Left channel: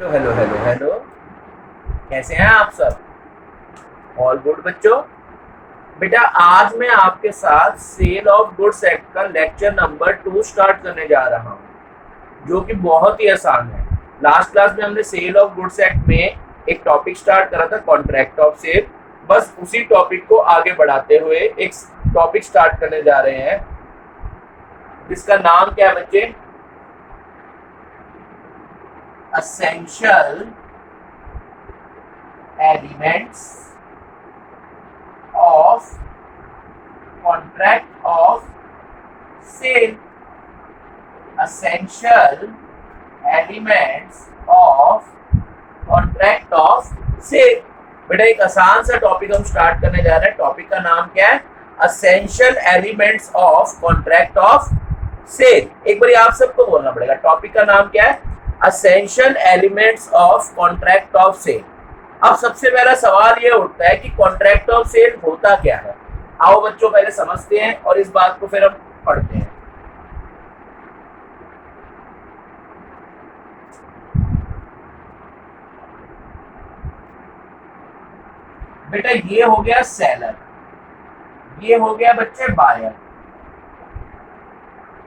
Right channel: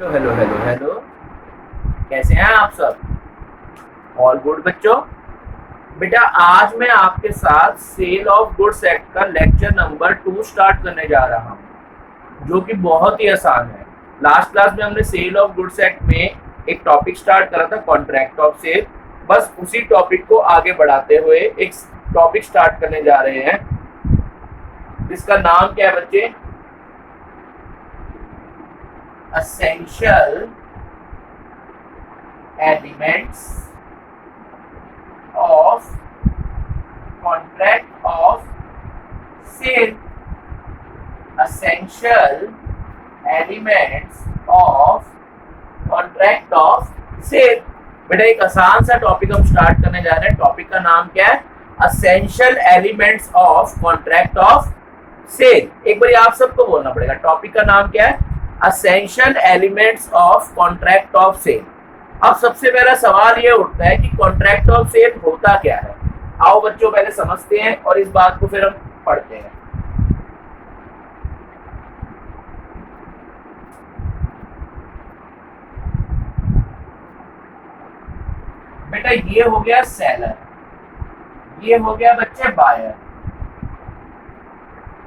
Hello hello hello hello. कैसे हैं आप सब? ऑल गुड बच्चों। बेटा आज मैं आपके साथ सेल ऑफ गुड्स एक्ट का लेक्चर नंबर 2 स्टार्ट करने जा रहा हूं, जो कि बहुत ही आसान है। लास्ट क्लास में हमने सेल ऑफ गुड्स एक्ट में एक टॉपिक स्टार्ट करा था, कॉन्ट्रैक्ट ऑफ सेल। बस उसी टॉपिक को आगे बढ़ाते हुए एक टॉपिक स्टार्ट करने जा रहे हैं, जिसका नाम क्या है बच्चे? essential elements of contract of sale। essential elements of contract of sale। बेटा एक आसान सा टॉपिक हम स्टार्ट करने जा रहे हैं। टॉपिक का नाम क्या है? essential elements of contract of sale। एक बार आप सबको बोलना पड़ेगा, टॉपिक का नाम क्या है? essential elements of contract of sale। अब सबसे पहला सवाल ये उठता है कि कॉन्ट्रैक्ट ऑफ सेल होता क्या है। आओ बच्चों पहले समझते हैं और इस बात को फिर हम पढ़ते हैं। बेटा ये हो गया सेलर, ये हो गया बच्चे बायर।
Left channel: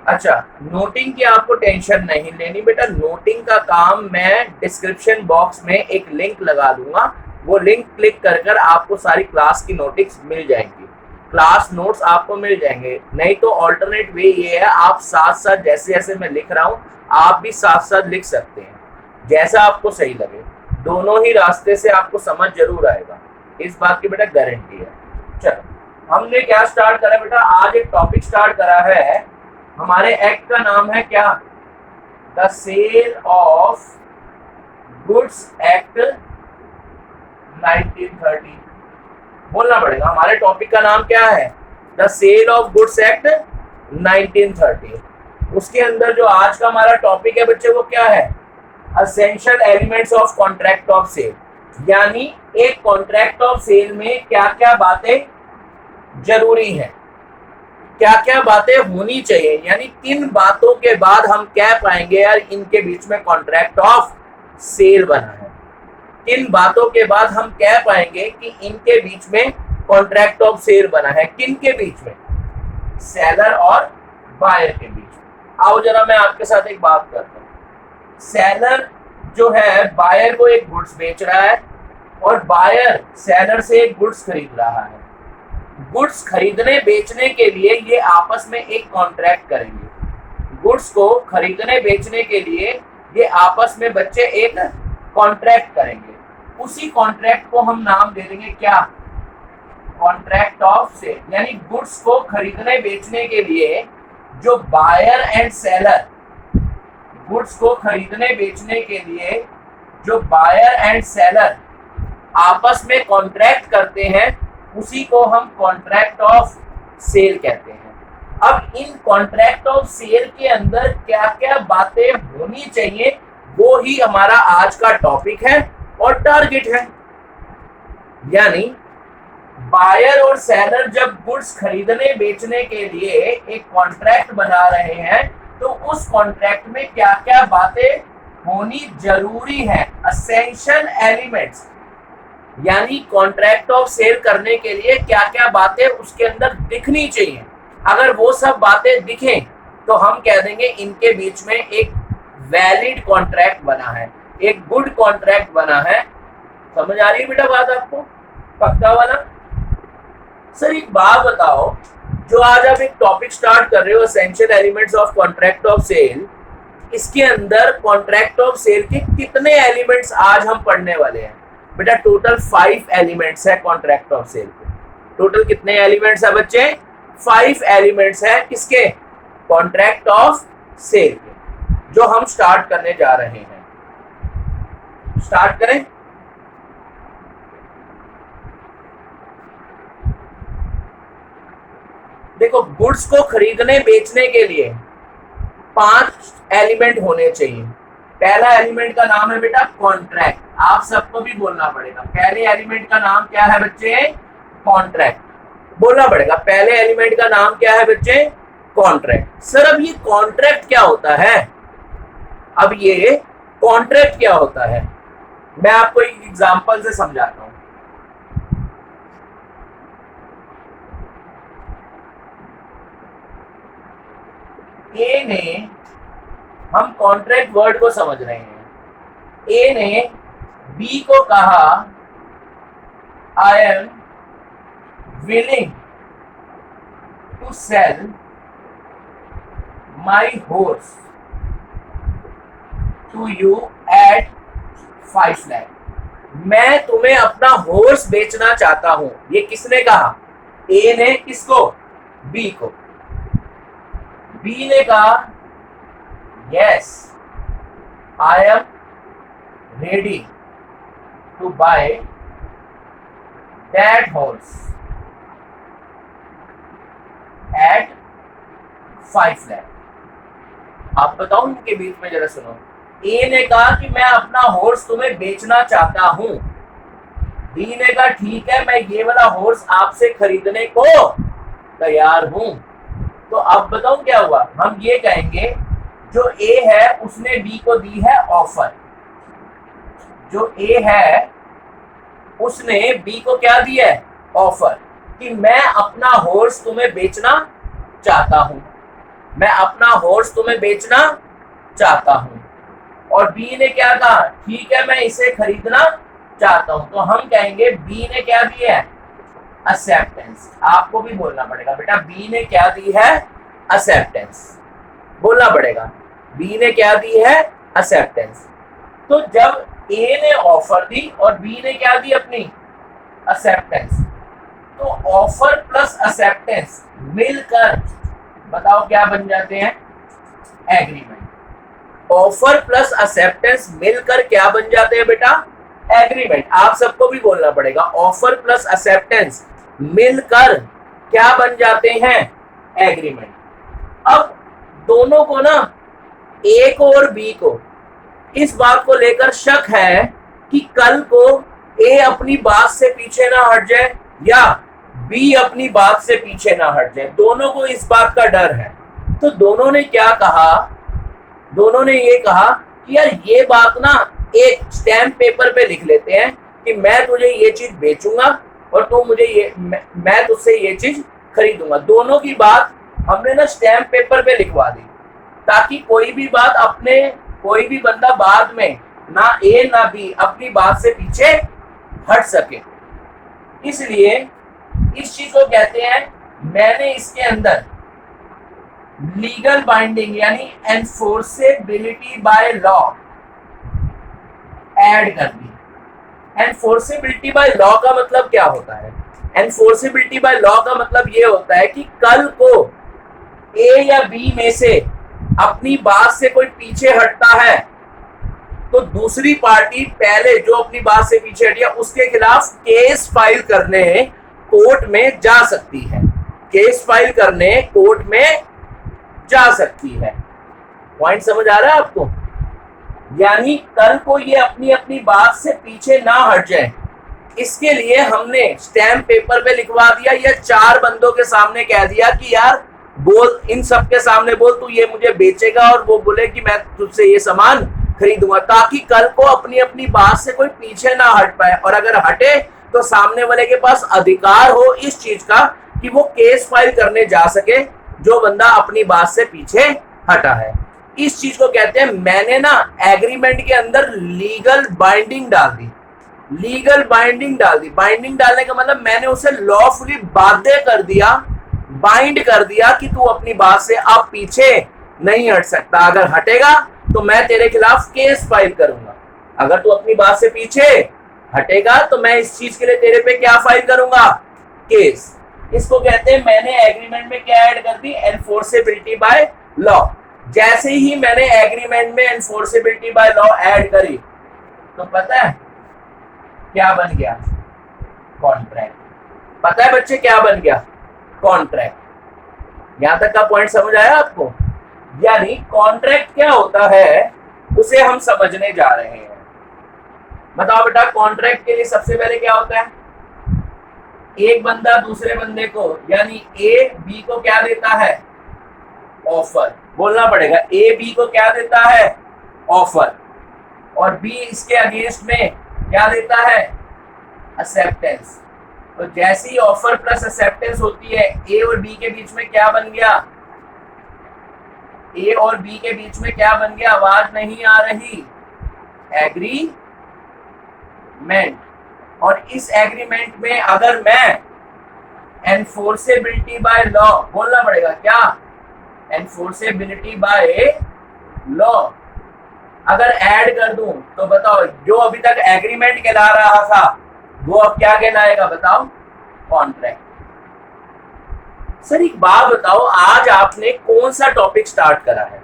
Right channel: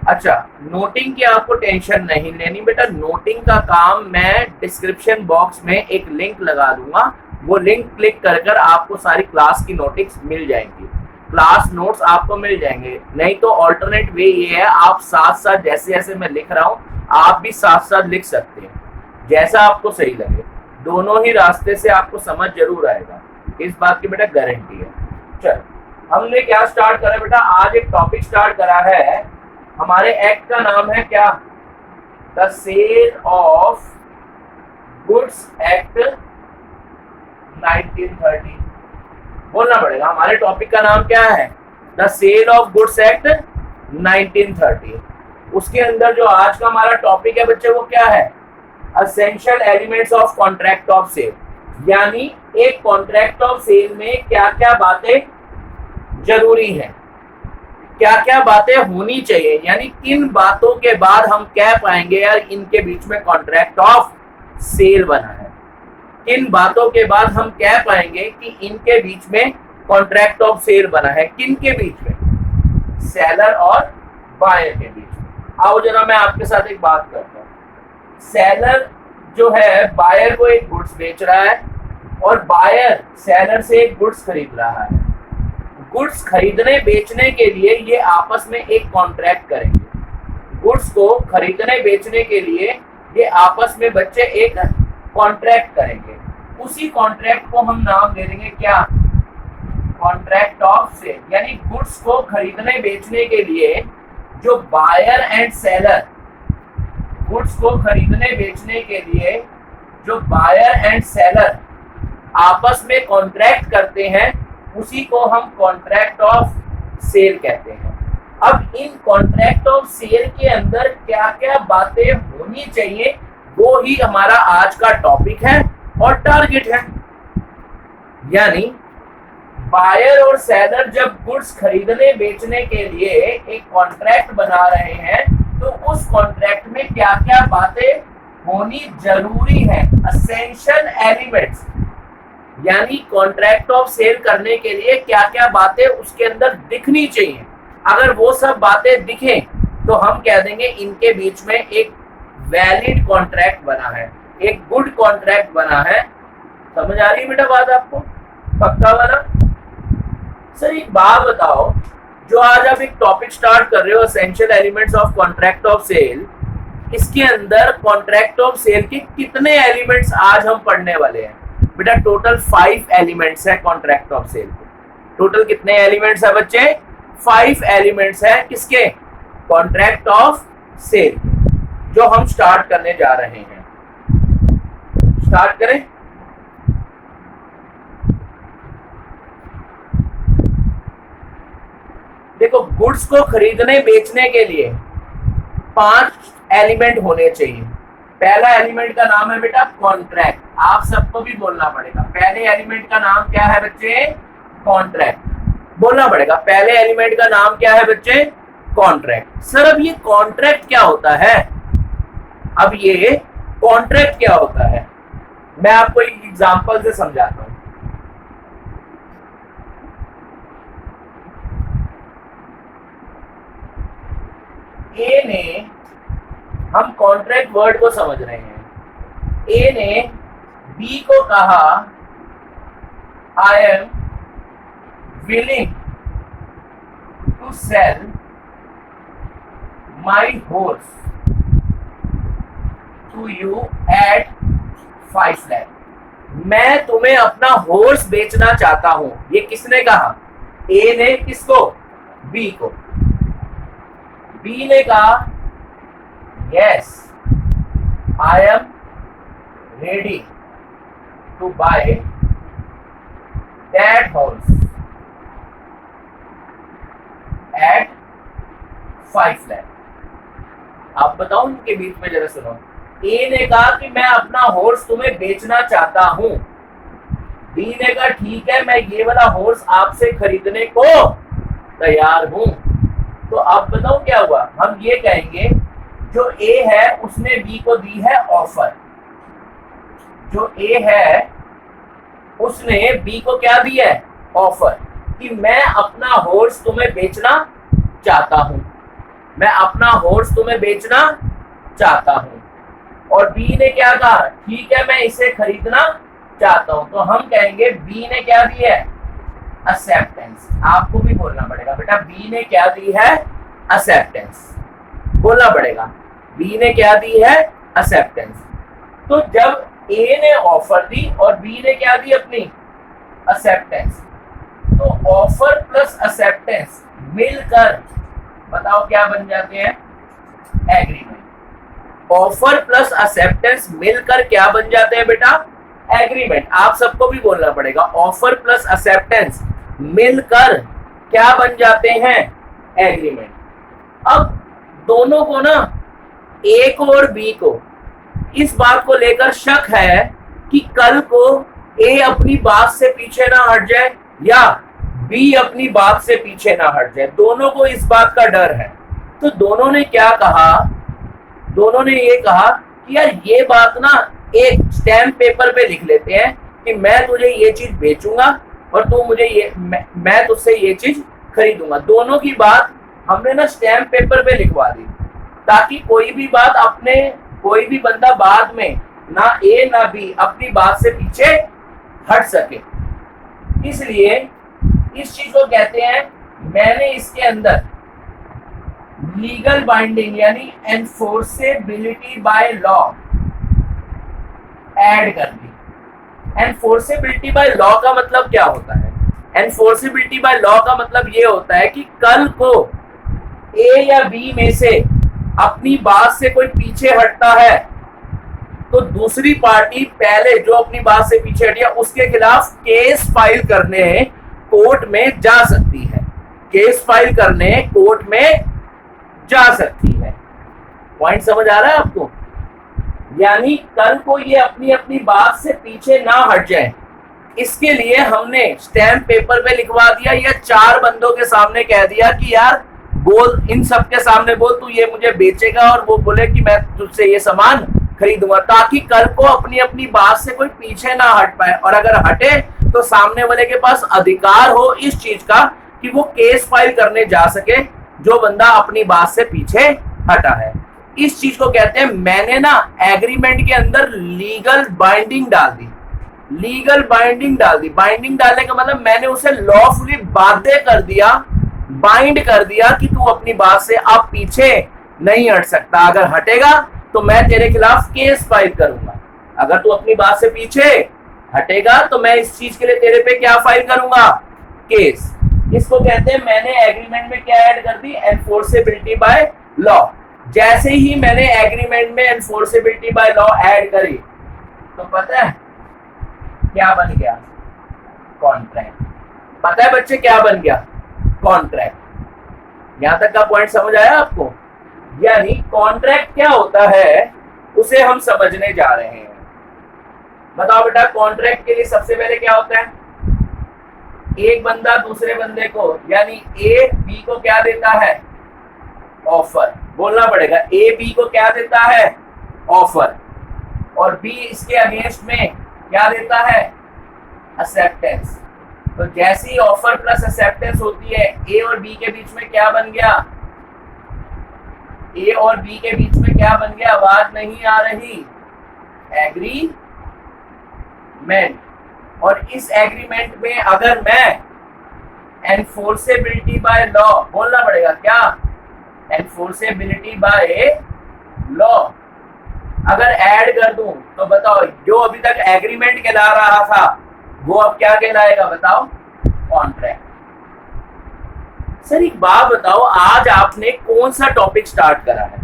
अच्छा, नोटिंग की आपको टेंशन नहीं लेनी बेटा। नोटिंग का काम मैं डिस्क्रिप्शन बॉक्स में एक लिंक लगा दूंगा, वो लिंक क्लिक कर कर आपको सारी क्लास की नोटिस मिल जाएंगी, क्लास नोट्स आपको मिल जाएंगे। नहीं तो ऑल्टरनेट वे ये है, आप साथ साथ जैसे जैसे मैं लिख रहा हूँ आप भी साथ साथ लिख सकते हैं, जैसा आपको सही लगे। दोनों ही रास्ते से आपको समझ जरूर आएगा, इस बात की बेटा गारंटी है। चलो हमने क्या स्टार्ट करा बेटा? आज एक टॉपिक स्टार्ट करा है। हमारे एक्ट का नाम है क्या? The sale of goods act 1930। बोलना पड़ेगा, हमारे टॉपिक का नाम क्या है? The sale of goods act 1930। उसके अंदर जो आज का हमारा टॉपिक है बच्चे वो क्या है? Essential elements of contract of sale. यानी एक कॉन्ट्रैक्ट ऑफ सेल में क्या क्या बातें जरूरी हैं, क्या क्या बातें होनी चाहिए, यानी किन बातों के बाद हम कह पाएंगे यार इनके बीच में कॉन्ट्रैक्ट ऑफ सेल बना है। किन बातों के बाद हम कह पाएंगे कि इनके बीच में कॉन्ट्रैक्ट ऑफ सेल बना है। किन के बीच में? सेलर और बायर के बीच में। आओ जरा मैं आपके साथ एक बात करता हूँ। सेलर जो है बायर को एक गुड्स बेच रहा है और बायर सेलर से एक गुड्स खरीद रहा है। गुड्स खरीदने बेचने के लिए ये आपस में एक कॉन्ट्रैक्ट करेंगे। गुड्स को खरीदने बेचने के लिए ये आपस में बच्चे एक कॉन्ट्रैक्ट करेंगे। उसी कॉन्ट्रैक्ट को हम नाम दे देंगे क्या? Contract of sale. यानी गुड्स को खरीदने बेचने के लिए जो बायर एंड सेलर, गुड्स को खरीदने बेचने के लिए जो बायर एंड सेलर आपस में कॉन्ट्रैक्ट करते हैं उसी को हम कॉन्ट्रैक्ट ऑफ सेल कहते हैं। अब इन कॉन्ट्रैक्ट ऑफ सेल के अंदर क्या क्या बातें होनी चाहिए वो ही हमारा आज का टॉपिक है और टारगेट है। यानी बायर और सेलर जब गुड्स खरीदने बेचने के लिए एक कॉन्ट्रैक्ट बना रहे हैं तो उस कॉन्ट्रैक्ट में क्या क्या बातें होनी जरूरी है, एसेंशियल एलिमेंट्स। यानी कॉन्ट्रैक्ट ऑफ सेल करने के लिए क्या क्या बातें उसके अंदर दिखनी चाहिए। अगर वो सब बातें दिखें तो हम कह देंगे इनके बीच में एक वैलिड कॉन्ट्रैक्ट बना है, एक गुड कॉन्ट्रैक्ट बना है। समझ आ रही है बेटा बात आपको? पक्का वाला? सर एक बात बताओ, जो आज आप एक टॉपिक स्टार्ट कर रहे हो essential elements of contract of sale, इसके अंदर कॉन्ट्रैक्ट ऑफ सेल के कितने एलिमेंट्स आज हम पढ़ने वाले हैं? बेटा टोटल 5 एलिमेंट्स है कॉन्ट्रैक्ट ऑफ सेल के। टोटल कितने एलिमेंट्स है बच्चे? 5 एलिमेंट्स है किसके? कॉन्ट्रैक्ट ऑफ सेल के, जो हम स्टार्ट करने जा रहे हैं। स्टार्ट करें? देखो, गुड्स को खरीदने बेचने के लिए 5 एलिमेंट होने चाहिए। पहला एलिमेंट का नाम है बेटा कॉन्ट्रैक्ट। आप सबको भी बोलना पड़ेगा, पहले एलिमेंट का नाम क्या है बच्चे? कॉन्ट्रैक्ट। बोलना पड़ेगा, पहले एलिमेंट का नाम क्या है बच्चे? कॉन्ट्रैक्ट। सर अब ये कॉन्ट्रैक्ट क्या होता है? अब ये कॉन्ट्रैक्ट क्या होता है, मैं आपको एक एग्जांपल से समझाता हूं। ए ने, हम कॉन्ट्रैक्ट वर्ड को समझ रहे हैं, ए ने बी को कहा I am willing to sell my horse to you at 5 lakh. मैं तुम्हें अपना हॉर्स बेचना चाहता हूं। ये किसने कहा? ए ने। किसको? बी को। बी ने कहा yes I am ready to buy that horse at 5 lakh. आप बताओ उनके बीच में, जरा सुनो। ए ने कहा कि मैं अपना हॉर्स तुम्हें बेचना चाहता हूं। बी ने कहा ठीक है, मैं ये वाला हॉर्स आपसे खरीदने को तैयार हूं। तो अब बताओ क्या हुआ? हम ये कहेंगे जो ए है उसने बी को दी है ऑफर। जो ए है उसने बी को क्या दिया है? ऑफर, कि मैं अपना हॉर्स तुम्हें बेचना चाहता हूं। मैं अपना हॉर्स तुम्हें बेचना चाहता हूं। और बी ने क्या कहा? ठीक है, मैं इसे खरीदना चाहता हूं। तो हम कहेंगे बी ने क्या दिया है? एक्सेप्टेंस। आपको भी बोलना पड़ेगा बेटा, बी ने क्या दी है? एक्सेप्टेंस। बोलना पड़ेगा, बी ने क्या दी है? एक्सेप्टेंस। तो जब ए ने ऑफर दी और बी ने क्या दी? अपनी एक्सेप्टेंस। तो ऑफर प्लस एक्सेप्टेंस मिलकर बताओ क्या बन जाते हैं? एग्रीमेंट। ऑफर प्लस एक्सेप्टेंस मिलकर क्या बन जाते हैं बेटा? एग्रीमेंट। आप सबको भी बोलना पड़ेगा, ऑफर प्लस एक्सेप्टेंस मिलकर क्या बन जाते हैं? एग्रीमेंट। अब दोनों को ना, ए को और बी को, इस बात को लेकर शक है कि कल को ए अपनी बात से पीछे ना हट जाए या बी अपनी बात से पीछे ना हट जाए। दोनों को इस बात का डर है। तो दोनों ने क्या कहा? दोनों ने ये कहा कि यार ये बात ना एक स्टैम्प पेपर पे लिख लेते हैं कि मैं तुझे ये चीज बेचूंगा और तू मुझे ये, मैं तुझसे ये चीज खरीदूंगा। दोनों की बात हमने ना स्टैम्प पेपर पे लिखवा दी, ताकि कोई भी बंदा बाद में ना ए ना बी अपनी बात से पीछे हट सके। इसलिए इस चीज को कहते हैं, मैंने इसके अंदर लीगल बाइंडिंग यानी एनफोर्सेबिलिटी बाय लॉ ऐड कर दी। एनफोर्सेबिलिटी बाय लॉ का मतलब क्या होता है? एनफोर्सेबिलिटी बाय लॉ का मतलब ये होता है कि कल को ए या बी में से अपनी बात से कोई पीछे हटता है तो दूसरी पार्टी पहले जो अपनी बात से पीछे हटी है उसके खिलाफ केस फाइल करने कोर्ट में जा सकती है। केस फाइल करने कोर्ट में जा सकती है। पॉइंट समझ आ रहा है आपको? यानी कल को ये अपनी अपनी बात से पीछे ना हट जाए, इसके लिए हमने स्टैम्प पेपर पे लिखवा दिया या 4 बंदों के सामने कह दिया कि यार बोल, इन सब के सामने बोल तू ये मुझे बेचेगा, और वो बोले कि मैं तुझसे ये सामान खरीदूंगा, ताकि कल को अपनी अपनी बात से कोई पीछे ना हट पाए। और अगर हटे तो सामने वाले के पास अधिकार हो इस चीज का कि वो केस फाइल करने जा सके जो बंदा अपनी बात से पीछे हटा है। इस चीज को कहते हैं, मैंने ना एग्रीमेंट के अंदर लीगल बाइंडिंग डाल दी। लीगल बाइंडिंग डाल दी। बाइंडिंग डालने का मतलब मैंने उसे लॉफुली बाध्य कर दिया, बाइंड कर दिया कि तू अपनी बात से अब पीछे नहीं हट सकता। अगर हटेगा तो मैं तेरे खिलाफ केस फाइल करूंगा। अगर तू अपनी बात से पीछे हटेगा तो मैं इस चीज के लिए तेरे पे क्या फाइल करूंगा? केस। इसको कहते हैं मैंने एग्रीमेंट में क्या ऐड कर दी? Enforceability by law. जैसे ही मैंने एग्रीमेंट में एनफोर्सेबिलिटी बाय लॉ ऐड करी तो पता है क्या बन गया? कॉन्ट्रैक्ट। पता है बच्चे क्या बन गया? कॉन्ट्रैक्ट। यहां तक का पॉइंट समझ आया आपको? यानी कॉन्ट्रैक्ट क्या होता है उसे हम समझने जा रहे हैं। बताओ बेटा, कॉन्ट्रैक्ट के लिए सबसे पहले क्या होता है? एक बंदा दूसरे बंदे को, यानी ए बी को क्या देता है? ऑफर। बोलना पड़ेगा, ए बी को क्या देता है? ऑफर। और बी इसके अगेंस्ट में क्या देता है, एक्सेप्टेंस। तो जैसी ऑफर प्लस एक्सेप्टेंस होती है, ए और बी के बीच में क्या बन गया, ए और बी के बीच में क्या बन गया, आवाज नहीं आ रही, एग्रीमेंट। और इस एग्रीमेंट में अगर मैं एनफोर्सेबिलिटी बाय लॉ, बोलना पड़ेगा क्या, एनफोर्सेबिलिटी बाय लॉ अगर ऐड कर दूं तो बताओ जो अभी तक एग्रीमेंट कहला रहा था वो अब क्या कहलाएगा, बताओ, कॉन्ट्रैक्ट। सर एक बात बताओ, आज आपने कौन सा टॉपिक स्टार्ट करा है?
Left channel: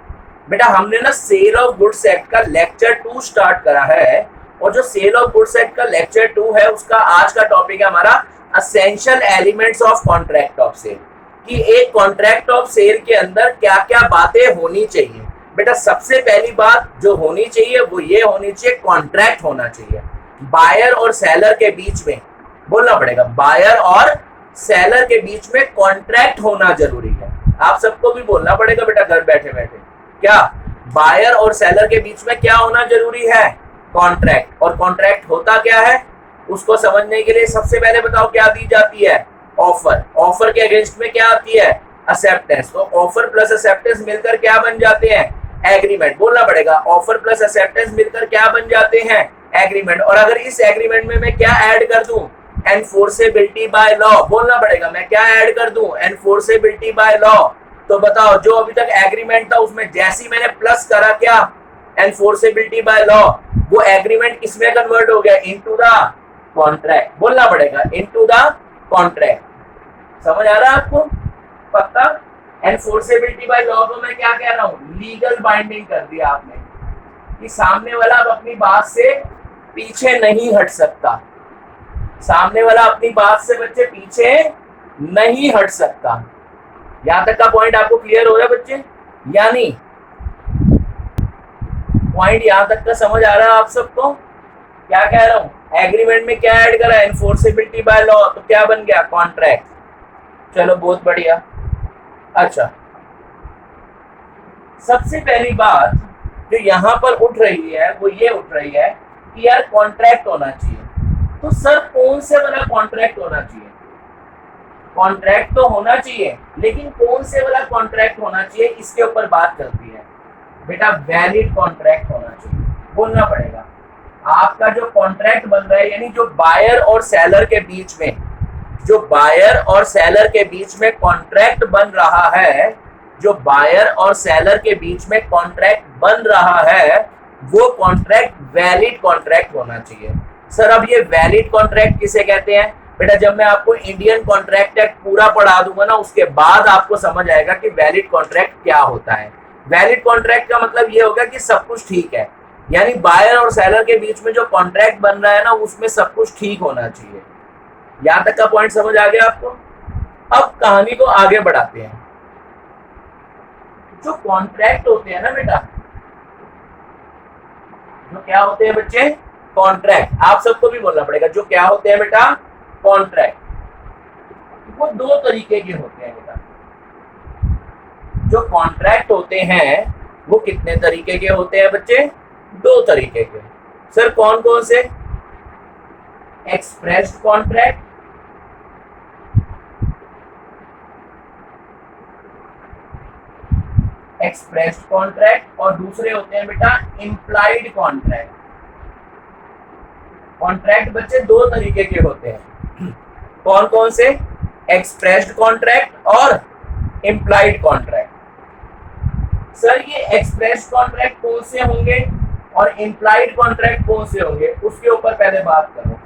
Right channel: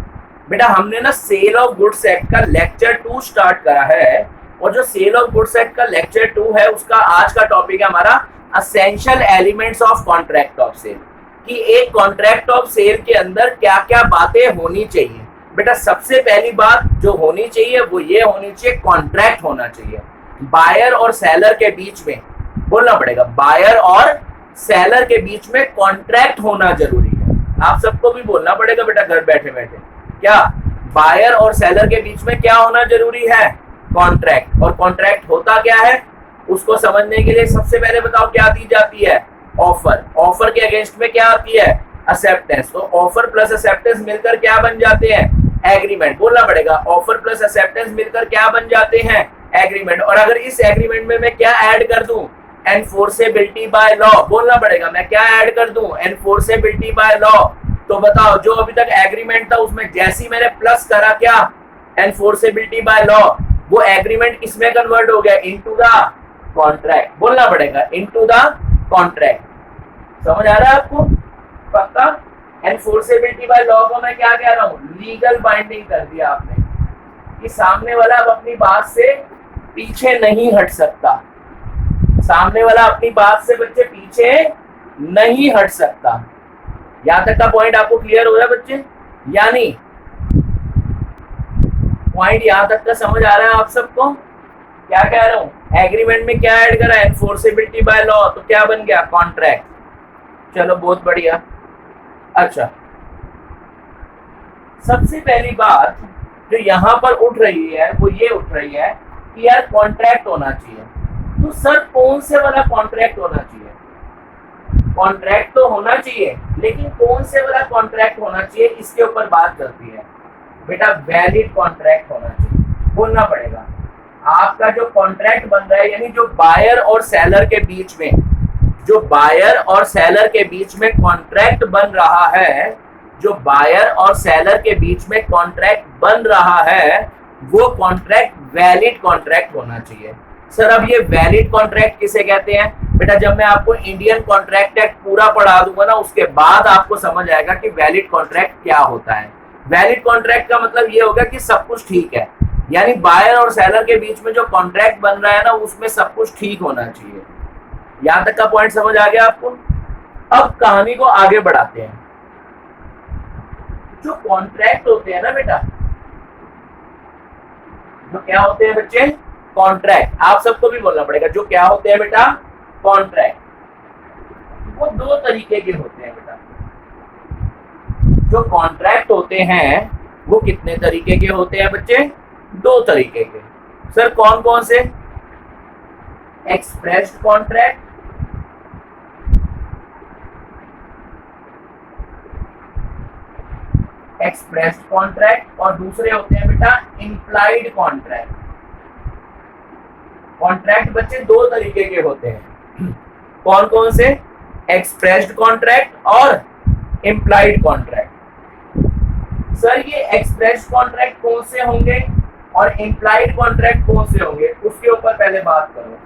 बेटा हमने ना सेल ऑफ गुड्स एक्ट का लेक्चर 2 स्टार्ट करा है, और जो सेल ऑफ गुड्स एक्ट का लेक्चर 2 है उसका आज का टॉपिक है हमारा essential elements of contract of sale, कि एक कॉन्ट्रैक्ट ऑफ सेल के अंदर क्या क्या बातें होनी चाहिए। बेटा सबसे पहली बात जो होनी चाहिए वो ये होनी चाहिए, कॉन्ट्रैक्ट होना चाहिए बायर और सेलर के बीच में, बोलना पड़ेगा, बायर और सेलर के बीच में कॉन्ट्रैक्ट होना जरूरी है। आप सबको भी बोलना पड़ेगा बेटा घर बैठे बैठे, क्या बायर और सेलर के बीच में क्या होना जरूरी है, कॉन्ट्रैक्ट। और कॉन्ट्रैक्ट होता क्या है उसको समझने के लिए सबसे पहले बताओ क्या दी जाती है, ऑफर। ऑफर के अगेंस्ट में क्या आती है, एक्सेप्टेंस। तो ऑफर प्लस एक्सेप्टेंस मिलकर क्या बन जाते हैं, एग्रीमेंट। बोलना पड़ेगा ऑफर प्लस एक्सेप्टेंस मिलकर क्या बन जाते हैं, एग्रीमेंट। और अगर इस एग्रीमेंट में मैं क्या ऐड कर दूं, एनफोर्सेबिलिटी बाय लॉ, बोलना पड़ेगा मैं क्या ऐड कर दूं, एनफोर्सेबिलिटी बाय लॉ। तो बताओ जो अभी तक एग्रीमेंट था उसमें जैसी मैंने प्लस करा क्या, एनफोर्सेबिलिटी बाय लॉ, वो एग्रीमेंट किसमें कन्वर्ट हो गया, इनटू द कॉन्ट्रैक्ट। बोलना पड़ेगा इनटू द कॉन्ट्रैक्ट। समझ आ रहा है आपको, पक्का। एनफोर्सेबिलिटी बाय लॉ को मैं क्या कह रहा हूँ, लीगल बाइंडिंग कर दिया आपने, कि सामने वाला अब अपनी बात से पीछे नहीं हट सकता, सामने वाला अपनी बात से बच्चे पीछे नहीं हट सकता। यहां तक का पॉइंट आपको क्लियर हो रहा है बच्चे, यानी पॉइंट यहां तक का समझ आ रहा है आप सबको, क्या कह रहा हूं, एग्रीमेंट में क्या ऐड करा, एनफोर्सेबिलिटी बाय लॉ, तो क्या बन गया, कॉन्ट्रैक्ट। चलो बहुत बढ़िया। अच्छा सबसे पहली बात जो यहां पर उठ रही है वो ये उठ रही है कि यार कॉन्ट्रैक्ट होना चाहिए। तो सर कौन से वाला कॉन्ट्रैक्ट होना चाहिए, कॉन्ट्रैक्ट तो होना चाहिए लेकिन कौन से वाला कॉन्ट्रैक्ट होना चाहिए, इसके ऊपर बात चलती है। बेटा वैलिड कॉन्ट्रैक्ट होना चाहिए, बोलना पड़ेगा। आपका जो कॉन्ट्रैक्ट बन रहा है, यानी जो बायर और सेलर के बीच में, जो बायर और सेलर के बीच में कॉन्ट्रैक्ट बन रहा है, जो बायर और सेलर के बीच में कॉन्ट्रैक्ट बन रहा है, वो कॉन्ट्रैक्ट वैलिड कॉन्ट्रैक्ट होना चाहिए। सर अब ये वैलिड कॉन्ट्रैक्ट किसे कहते हैं? बेटा जब मैं आपको इंडियन कॉन्ट्रैक्ट एक्ट पूरा पढ़ा दूंगा ना, उसके बाद आपको समझ आएगा कि वैलिड कॉन्ट्रैक्ट क्या होता है। वैलिड कॉन्ट्रैक्ट का मतलब ये होगा कि सब कुछ ठीक है, यानी बायर और सेलर के बीच में जो कॉन्ट्रैक्ट बन रहा है ना, उसमें सब कुछ ठीक होना चाहिए। यहां तक का पॉइंट समझ आ गया आपको? अब कहानी को आगे बढ़ाते हैं। जो कॉन्ट्रैक्ट होते हैं ना बेटा, जो क्या होते हैं बच्चे, कॉन्ट्रैक्ट, आप सबको भी बोलना पड़ेगा, जो क्या होते हैं बेटा, कॉन्ट्रैक्ट, वो दो तरीके के होते हैं बेटा। जो कॉन्ट्रैक्ट होते हैं वो कितने तरीके के होते हैं बच्चे, दो तरीके के। सर कौन कौन से? एक्सप्रेस्ड कॉन्ट्रैक्ट, एक्सप्रेस्ड कॉन्ट्रैक्ट, और दूसरे होते हैं बेटा इम्प्लाइड कॉन्ट्रैक्ट। कॉन्ट्रैक्ट बच्चे दो तरीके के होते हैं, कौन कौन से? एक्सप्रेस्ड कॉन्ट्रैक्ट और इम्प्लाइड कॉन्ट्रैक्ट। सर ये एक्सप्रेस्ड कॉन्ट्रैक्ट कौन से होंगे और इम्प्लाइड कॉन्ट्रैक्ट कौन से होंगे, उसके ऊपर पहले बात करो।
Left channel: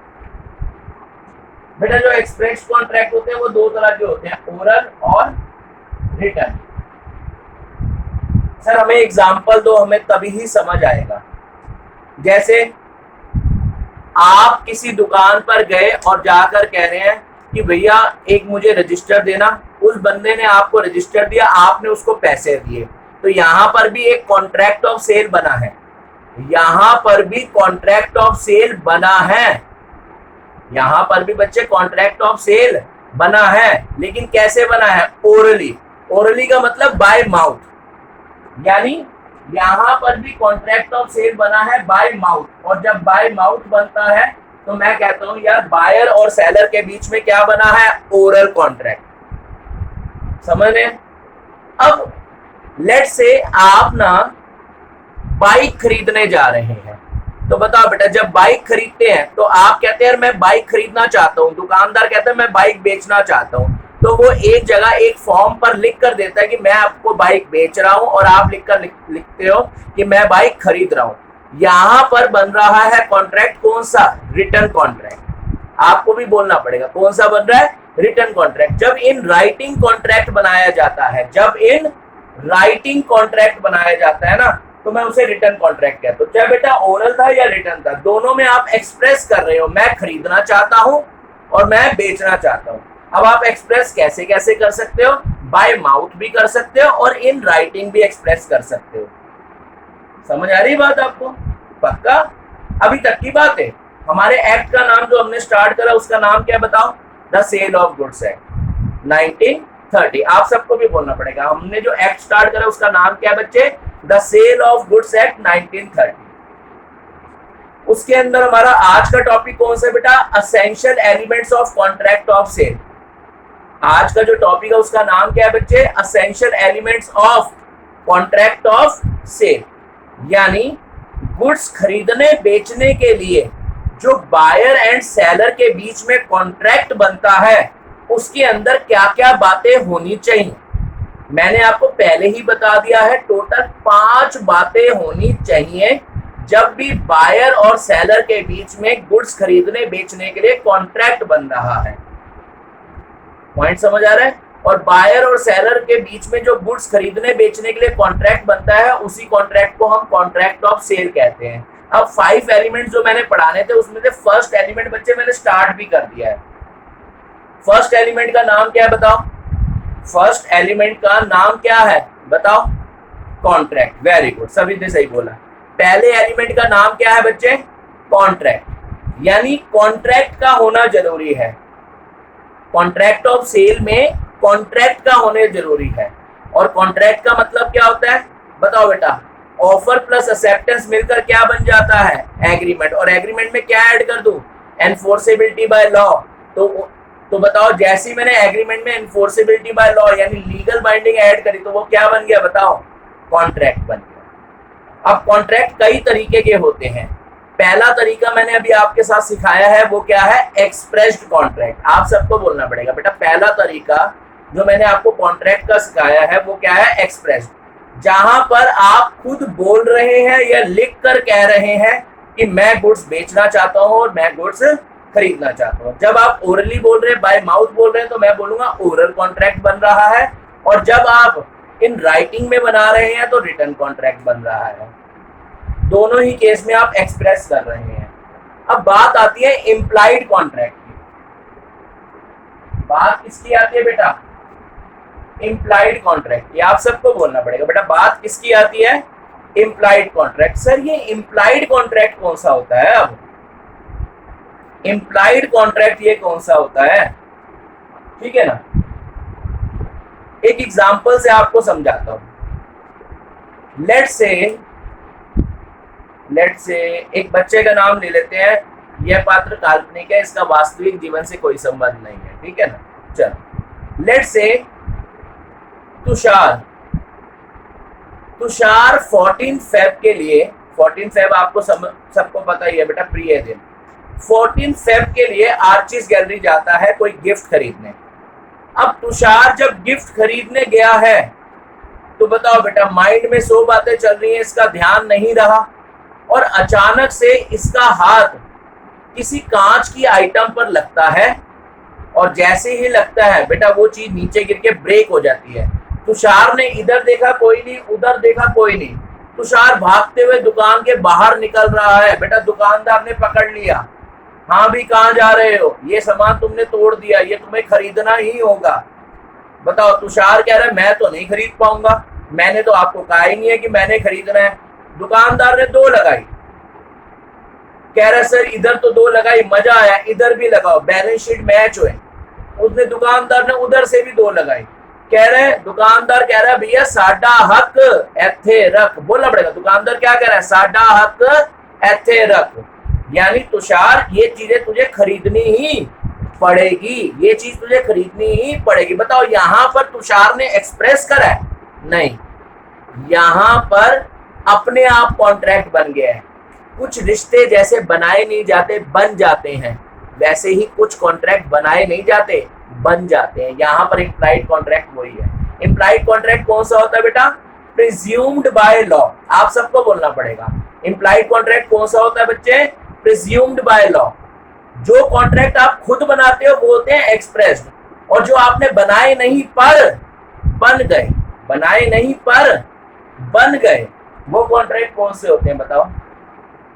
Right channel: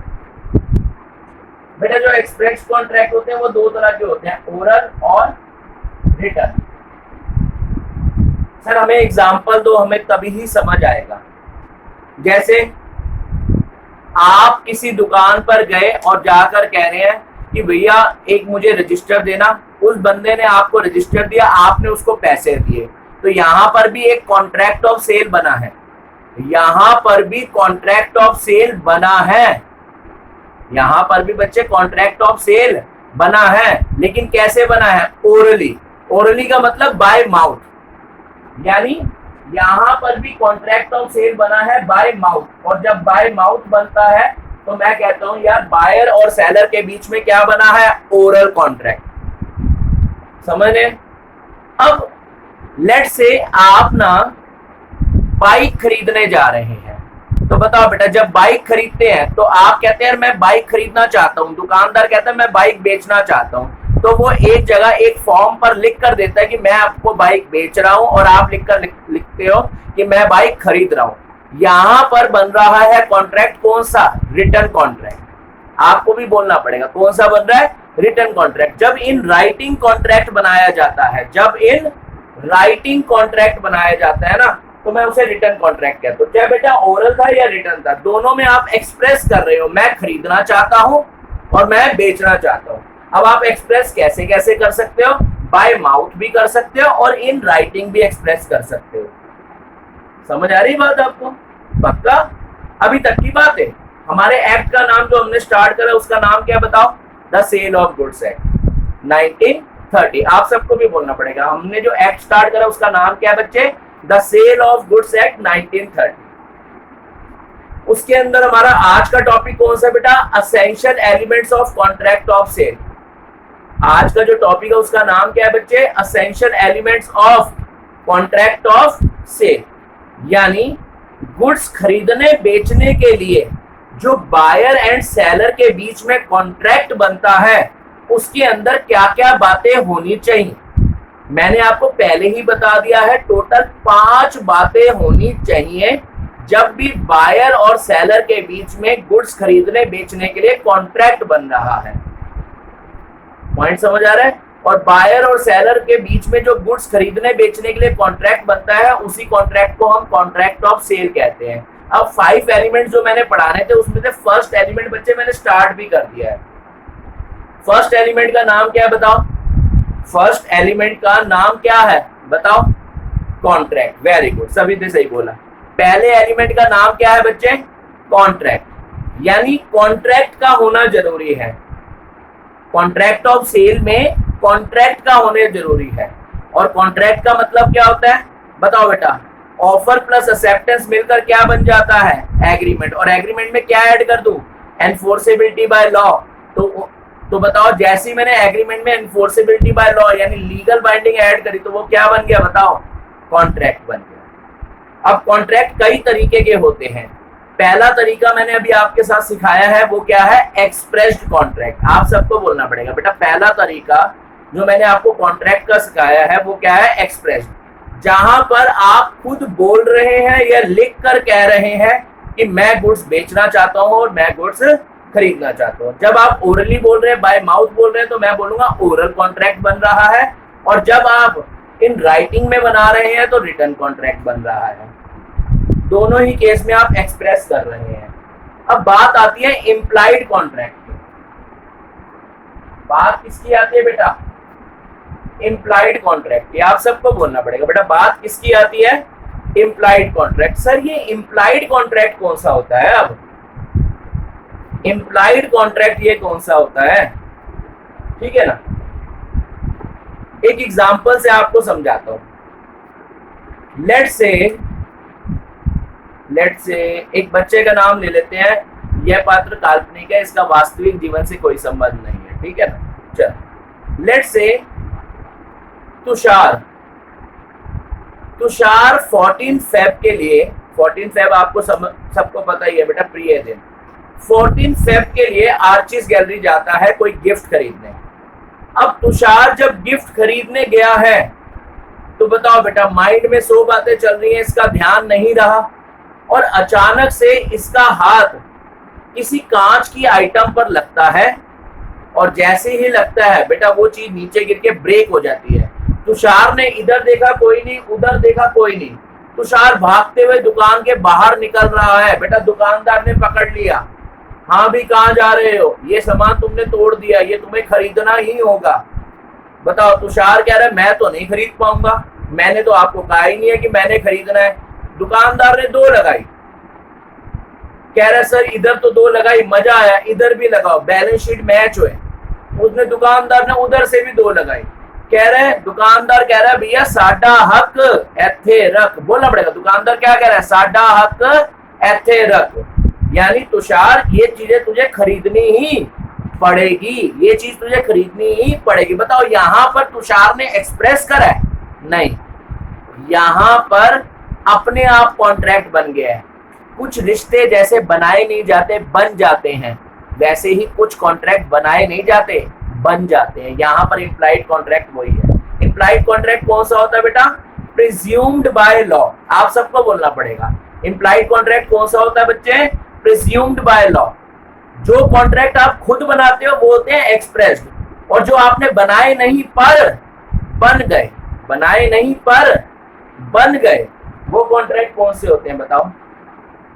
बेटा जो एक्सप्रेस्ड कॉन्ट्रैक्ट होते हैं वो दो तरह के होते हैं, ओरल और रिटन। सर हमें एग्जाम्पल दो, हमें तभी ही समझ आएगा। जैसे आप किसी दुकान पर गए और जाकर कह रहे हैं कि भैया एक मुझे रजिस्टर देना, उस बंदे ने आपको रजिस्टर दिया, आपने उसको पैसे दिए, तो यहां पर भी एक कॉन्ट्रैक्ट ऑफ सेल बना है, यहां पर भी कॉन्ट्रैक्ट ऑफ सेल बना है, यहां पर भी बच्चे कॉन्ट्रैक्ट ऑफ सेल बना है। लेकिन कैसे बना है? ओरली। ओरली का मतलब बाय माउथ, यानी यहाँ पर भी कॉन्ट्रैक्ट ऑफ सेल बना है बाय माउथ, और जब बाय माउथ बनता है तो मैं कहता हूं यार बायर और सेलर के बीच में क्या बना है, ओरल कॉन्ट्रैक्ट। समझ रहे? अब लेट्स से आप ना बाइक खरीदने जा रहे हैं, तो बताओ बेटा जब बाइक खरीदते हैं तो आप कहते हैं मैं बाइक खरीदना चाहता हूं, दुकानदार कहता है मैं बाइक बेचना चाहता हूं, तो वो एक जगह एक फॉर्म पर लिख कर देता है कि मैं आपको बाइक बेच रहा हूं, और आप लिखते हो कि मैं बाइक खरीद रहा हूं। यहां पर बन रहा है कॉन्ट्रैक्ट कौन सा, रिटर्न कॉन्ट्रैक्ट। आपको भी बोलना पड़ेगा कौन सा बन रहा है, रिटर्न कॉन्ट्रैक्ट। जब इन राइटिंग कॉन्ट्रैक्ट बनाया जाता है, जब इन राइटिंग कॉन्ट्रैक्ट बनाया जाता है ना, तो मैं उसे रिटर्न कॉन्ट्रैक्ट कहता हूं। चाहे बेटा ओरल था या रिटर्न था, दोनों में आप एक्सप्रेस कर रहे हो मैं खरीदना चाहता हूं और मैं बेचना चाहता हूं। अब आप एक्सप्रेस कैसे कैसे कर सकते हो, बाय माउथ भी कर सकते हो और इन राइटिंग भी एक्सप्रेस कर सकते हो। समझ आ रही बात आपको? पक्का? अभी तक की बात है। हमारे एक्ट का नाम जो हमने स्टार्ट करा उसका नाम क्या बताओ, the sale of goods act 1930। आप सबको भी बोलना पड़ेगा, हमने जो एक्ट स्टार्ट करा उसका नाम क्या है बच्चे, the sale of goods act 1930। उसके अंदर हमारा आज का टॉपिक कौन सा बेटा, essential elements of contract of sale. आज का जो टॉपिक है उसका नाम क्या है बच्चे, essential elements of contract of sale. यानी गुड्स खरीदने बेचने के लिए जो बायर एंड सेलर के बीच में कॉन्ट्रैक्ट बनता है उसके अंदर क्या क्या बातें होनी चाहिए। मैंने आपको पहले ही बता दिया है, टोटल 5 बातें होनी चाहिए जब भी बायर और सेलर के बीच में गुड्स खरीदने बेचने के लिए कॉन्ट्रैक्ट बन रहा है। पॉइंट समझ आ रहा है? और बायर और सेलर के बीच में जो गुड्स खरीदने बेचने के लिए कॉन्ट्रैक्ट बनता है उसी कॉन्ट्रैक्ट को हम कॉन्ट्रैक्ट ऑफ सेल कहते हैं। अब 5 एलिमेंट जो मैंने पढ़ाने थे उसमें से फर्स्ट एलिमेंट बच्चे मैंने स्टार्ट भी कर दिया है। फर्स्ट एलिमेंट का नाम क्या है बताओ, फर्स्ट एलिमेंट का नाम क्या है बताओ, कॉन्ट्रैक्ट। वेरी गुड, सभी ने सही बोला। पहले एलिमेंट का नाम क्या है बच्चे, कॉन्ट्रैक्ट। यानी कॉन्ट्रैक्ट का होना जरूरी है। कॉन्ट्रैक्ट ऑफ सेल में कॉन्ट्रैक्ट का होने जरूरी है। और कॉन्ट्रैक्ट का मतलब क्या होता है बताओ बेटा, ऑफर प्लस एक्सेप्टेंस मिलकर क्या बन जाता है, एग्रीमेंट। और एग्रीमेंट में क्या ऐड कर दूं, एनफोर्सेबिलिटी बाय लॉ। तो बताओ जैसे ही मैंने एग्रीमेंट में एनफोर्सेबिलिटी बाय लॉ यानी लीगल बाइंडिंग ऐड करी तो वो क्या बन गया बताओ, कॉन्ट्रैक्ट बन गया। अब कॉन्ट्रैक्ट कई तरीके के होते हैं। पहला तरीका मैंने अभी आपके साथ सिखाया है वो क्या है, एक्सप्रेस्ड कॉन्ट्रैक्ट। आप सबको बोलना पड़ेगा बेटा, पहला तरीका जो मैंने आपको कॉन्ट्रैक्ट का सिखाया है वो क्या है, एक्सप्रेस्ड। जहां पर आप खुद बोल रहे हैं या लिख कर कह रहे हैं कि मैं गुड्स बेचना चाहता हूं और मैं गुड्स खरीदना चाहता हूं। जब आप ओरली बोल रहे हैं, बाय माउथ बोल रहे हैं, तो मैं बोलूंगा ओरल कॉन्ट्रैक्ट बन रहा है। और जब आप इन राइटिंग में बना रहे हैं तो रिटर्न कॉन्ट्रैक्ट बन रहा है। दोनों ही केस में आप एक्सप्रेस कर रहे हैं। अब बात आती है इम्प्लाइड कॉन्ट्रैक्ट की। बात किसकी आती है बेटा, इम्प्लाइड कॉन्ट्रैक्ट की। आप सबको बोलना पड़ेगा बेटा, बात किसकी आती है, इम्प्लाइड कॉन्ट्रैक्ट। सर ये इम्प्लाइड कॉन्ट्रैक्ट कौन सा होता है, अब इम्प्लाइड कॉन्ट्रैक्ट ये कौन सा होता है, ठीक है ना। एक एग्जांपल से आपको समझाता हूं। लेट्स से एक बच्चे का नाम ले लेते हैं, यह पात्र काल्पनिक है, इसका वास्तविक जीवन से कोई संबंध नहीं है, ठीक है ना। चलो लेट्स से तुषार 14 फेब के लिए, 14 फेब आपको सबको पता ही है बेटा, प्रिय दिन। 14 फेब के लिए आर्चिस गैलरी जाता है कोई गिफ्ट खरीदने। अब तुषार जब गिफ्ट खरीदने गया है तो बताओ बेटा, माइंड में 100 बातें चल रही हैं, इसका ध्यान नहीं रहा और अचानक से इसका हाथ किसी कांच की आइटम पर लगता है और जैसे ही लगता है बेटा वो चीज नीचे गिर के ब्रेक हो जाती है। तुषार ने इधर देखा कोई नहीं, उधर देखा कोई नहीं। तुषार भागते हुए दुकान के बाहर निकल रहा है। बेटा दुकानदार ने पकड़ लिया, हाँ भी कहाँ जा रहे हो, ये सामान तुमने तोड़ दिया, ये तुम्हें खरीदना ही होगा। बताओ तुषार कह रहा है मैं तो नहीं खरीद पाऊंगा, मैंने तो आपको कहा ही नहीं है कि मैंने खरीदना है। दुकानदार ने 2 लगाई, कह रहे सर इधर तो 2 लगाई, मजा आया, इधर भी लगाओ, बैलेंस शीट मैच हुए। उसने दुकानदार ने उधर से भी 2 लगाई। कह रहे हैं, दुकानदार कह रहा है भैया साडा हक एथे रख, बोलना पड़ेगा। दुकानदार क्या कह रहा है, साडा हक एथे रख, यानी तुषार ये चीजें तुझे खरीदनी ही पड़ेगी, ये चीज तुझे खरीदनी ही पड़ेगी। बताओ यहां पर तुषार ने एक्सप्रेस करा है? नहीं, यहां पर अपने आप कॉन्ट्रैक्ट बन गया है। कुछ रिश्ते जैसे बनाए नहीं जाते बन जाते हैं, वैसे ही कुछ कॉन्ट्रैक्ट बनाए नहीं जाते बन जाते हैं। यहां पर इम्प्लाइड कॉन्ट्रैक्ट वही है। इम्प्लाइड कॉन्ट्रैक्ट कौन सा होता है बेटा? Presumed by law. आप सबको बोलना पड़ेगा, इम्प्लाइड कॉन्ट्रैक्ट कौन सा होता है बच्चे? Presumed by law. जो कॉन्ट्रैक्ट आप खुद बनाते हो वो होते हैं एक्सप्रेस्ड, और जो आपने बनाए नहीं पर बन गए, बनाए नहीं पर बन गए, वो कॉन्ट्रैक्ट कौन से होते हैं बताओ?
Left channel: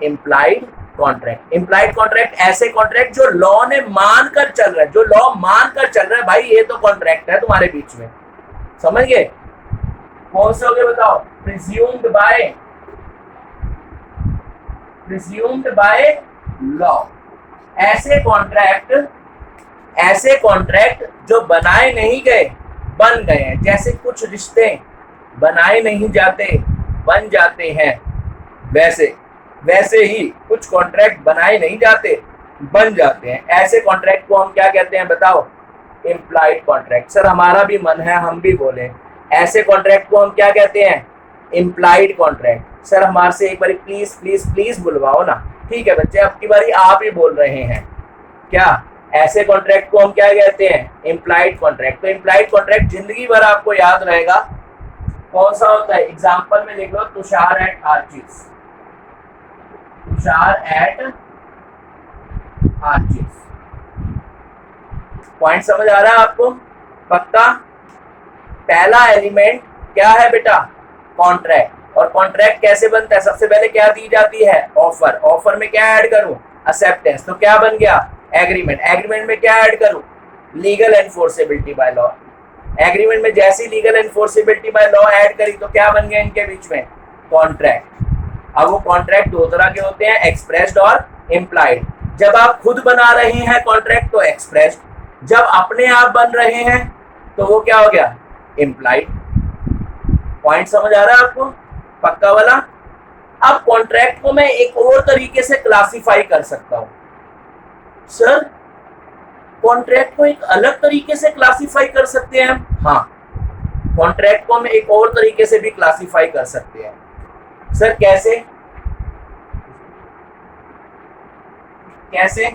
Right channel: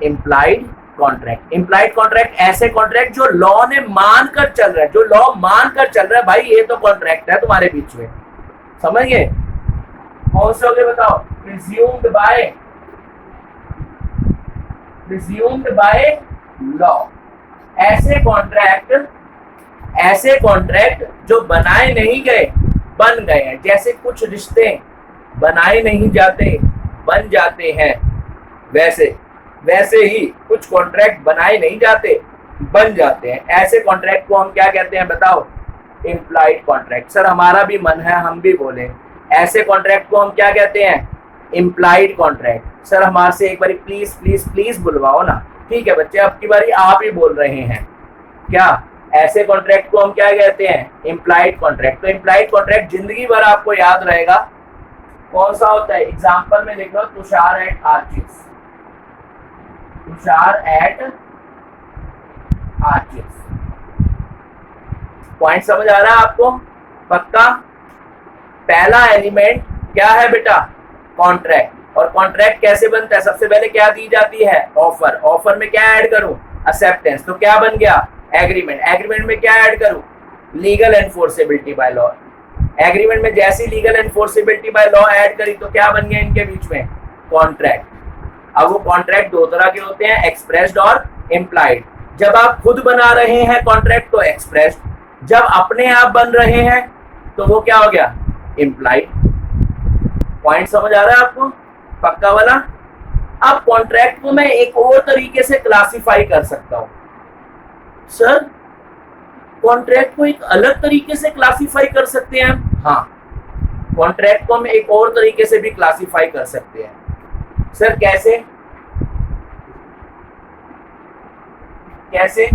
Implied contract. इम्प्लाइड कॉन्ट्रैक्ट ऐसे कॉन्ट्रैक्ट जो लॉ ने मान कर चल रहा है, जो लॉ मान कर चल रहा है, भाई ये तो कॉन्ट्रैक्ट है तुम्हारे बीच में, समझ गए? कौन से हो गए बताओ? Presumed by law. ऐसे कॉन्ट्रैक्ट जो बनाए नहीं गए बन गए हैं, जैसे कुछ रिश्ते बनाए नहीं जाते बन जाते हैं, वैसे ही कुछ कॉन्ट्रैक्ट बनाए नहीं जाते बन जाते हैं। ऐसे कॉन्ट्रैक्ट को हम क्या कहते हैं बताओ? Implied contract. सर हमारा भी मन है हम भी बोले, ऐसे कॉन्ट्रैक्ट को हम क्या कहते हैं? Implied contract. सर हमारे से एक बार प्लीज प्लीज प्लीज बुलवाओ ना। ठीक है बच्चे, अब की बारी आप ही बोल रहे हैं क्या? ऐसे कॉन्ट्रैक्ट को हम क्या कहते हैं? Implied contract. तो इम्प्लाइड कॉन्ट्रैक्ट जिंदगी भर आपको याद रहेगा। कौन सा होता है? एग्जाम्पल में लिख लो, Tushar at Archies. Tushar at Archies. Point समझ आ रहा है आपको? पक्का? पहला एलिमेंट क्या है बेटा? कॉन्ट्रैक्ट। और कॉन्ट्रैक्ट कैसे बनता है? सबसे पहले क्या दी जाती है? ऑफर। ऑफर में क्या ऐड करूं? एक्सेप्टेंस। तो क्या बन गया? एग्रीमेंट। एग्रीमेंट में क्या ऐड करूं? Legal enforceability by law. Agreement में जैसी legal enforceability by law add करी तो क्या बन गया इनके बीच में? कॉन्ट्रैक्ट। अब वो कॉन्ट्रैक्ट दो तरह के होते हैं, एक्सप्रेस्ड और इम्प्लाइड। जब आप खुद बना रहे हैं कॉन्ट्रैक्ट तो एक्सप्रेस्ड, जब अपने आप बन रहे हैं तो वो क्या हो गया? इम्प्लाइड। पॉइंट समझ आ रहा है आपको? पक्का वाला? अब कॉन्ट्रैक्ट को मैं एक और तरीके से क्लासिफाई कर सकता हूं। सर कॉन्ट्रैक्ट को एक अलग तरीके से क्लासिफाई कर सकते हैं? हाँ, कॉन्ट्रैक्ट को हम एक और तरीके से भी क्लासिफाई कर सकते हैं। सर कैसे? कैसे?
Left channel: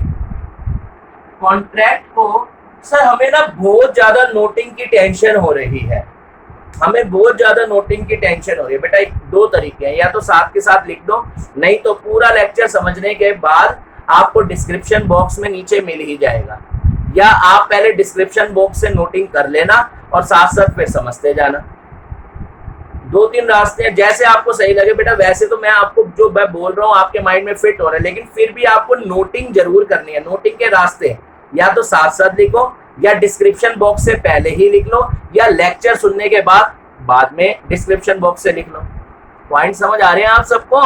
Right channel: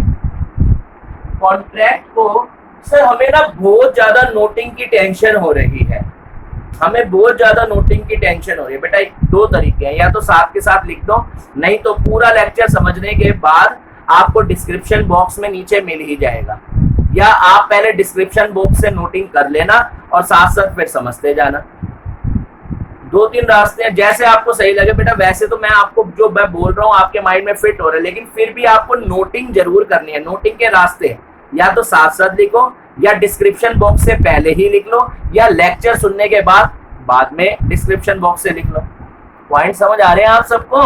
कॉन्ट्रैक्ट को सर हमें ना बहुत ज्यादा नोटिंग की टेंशन हो रही है, हमें बहुत ज्यादा नोटिंग की टेंशन हो रही है बेटा। दो तरीके हैं, या तो साथ के साथ लिख दो, नहीं तो पूरा लेक्चर समझने के बाद आपको डिस्क्रिप्शन बॉक्स में नीचे मिल ही जाएगा, या आप पहले डिस्क्रिप्शन बॉक्स से नोटिंग कर लेना और साथ साथ फिर समझते जाना। दो तीन रास्ते हैं, जैसे आपको सही लगे बेटा। वैसे तो मैं आपको जो मैं बोल रहा हूँ आपके माइंड में फिट हो रहा है, लेकिन फिर भी आपको नोटिंग जरूर करनी है। नोटिंग के रास्ते या तो साथ साथ लिखो, या डिस्क्रिप्शन बॉक्स से पहले ही लिख लो, या लेक्चर सुनने के बाद में डिस्क्रिप्शन बॉक्स से लिख लो। पॉइंट समझ आ रहे हैं आप सबको?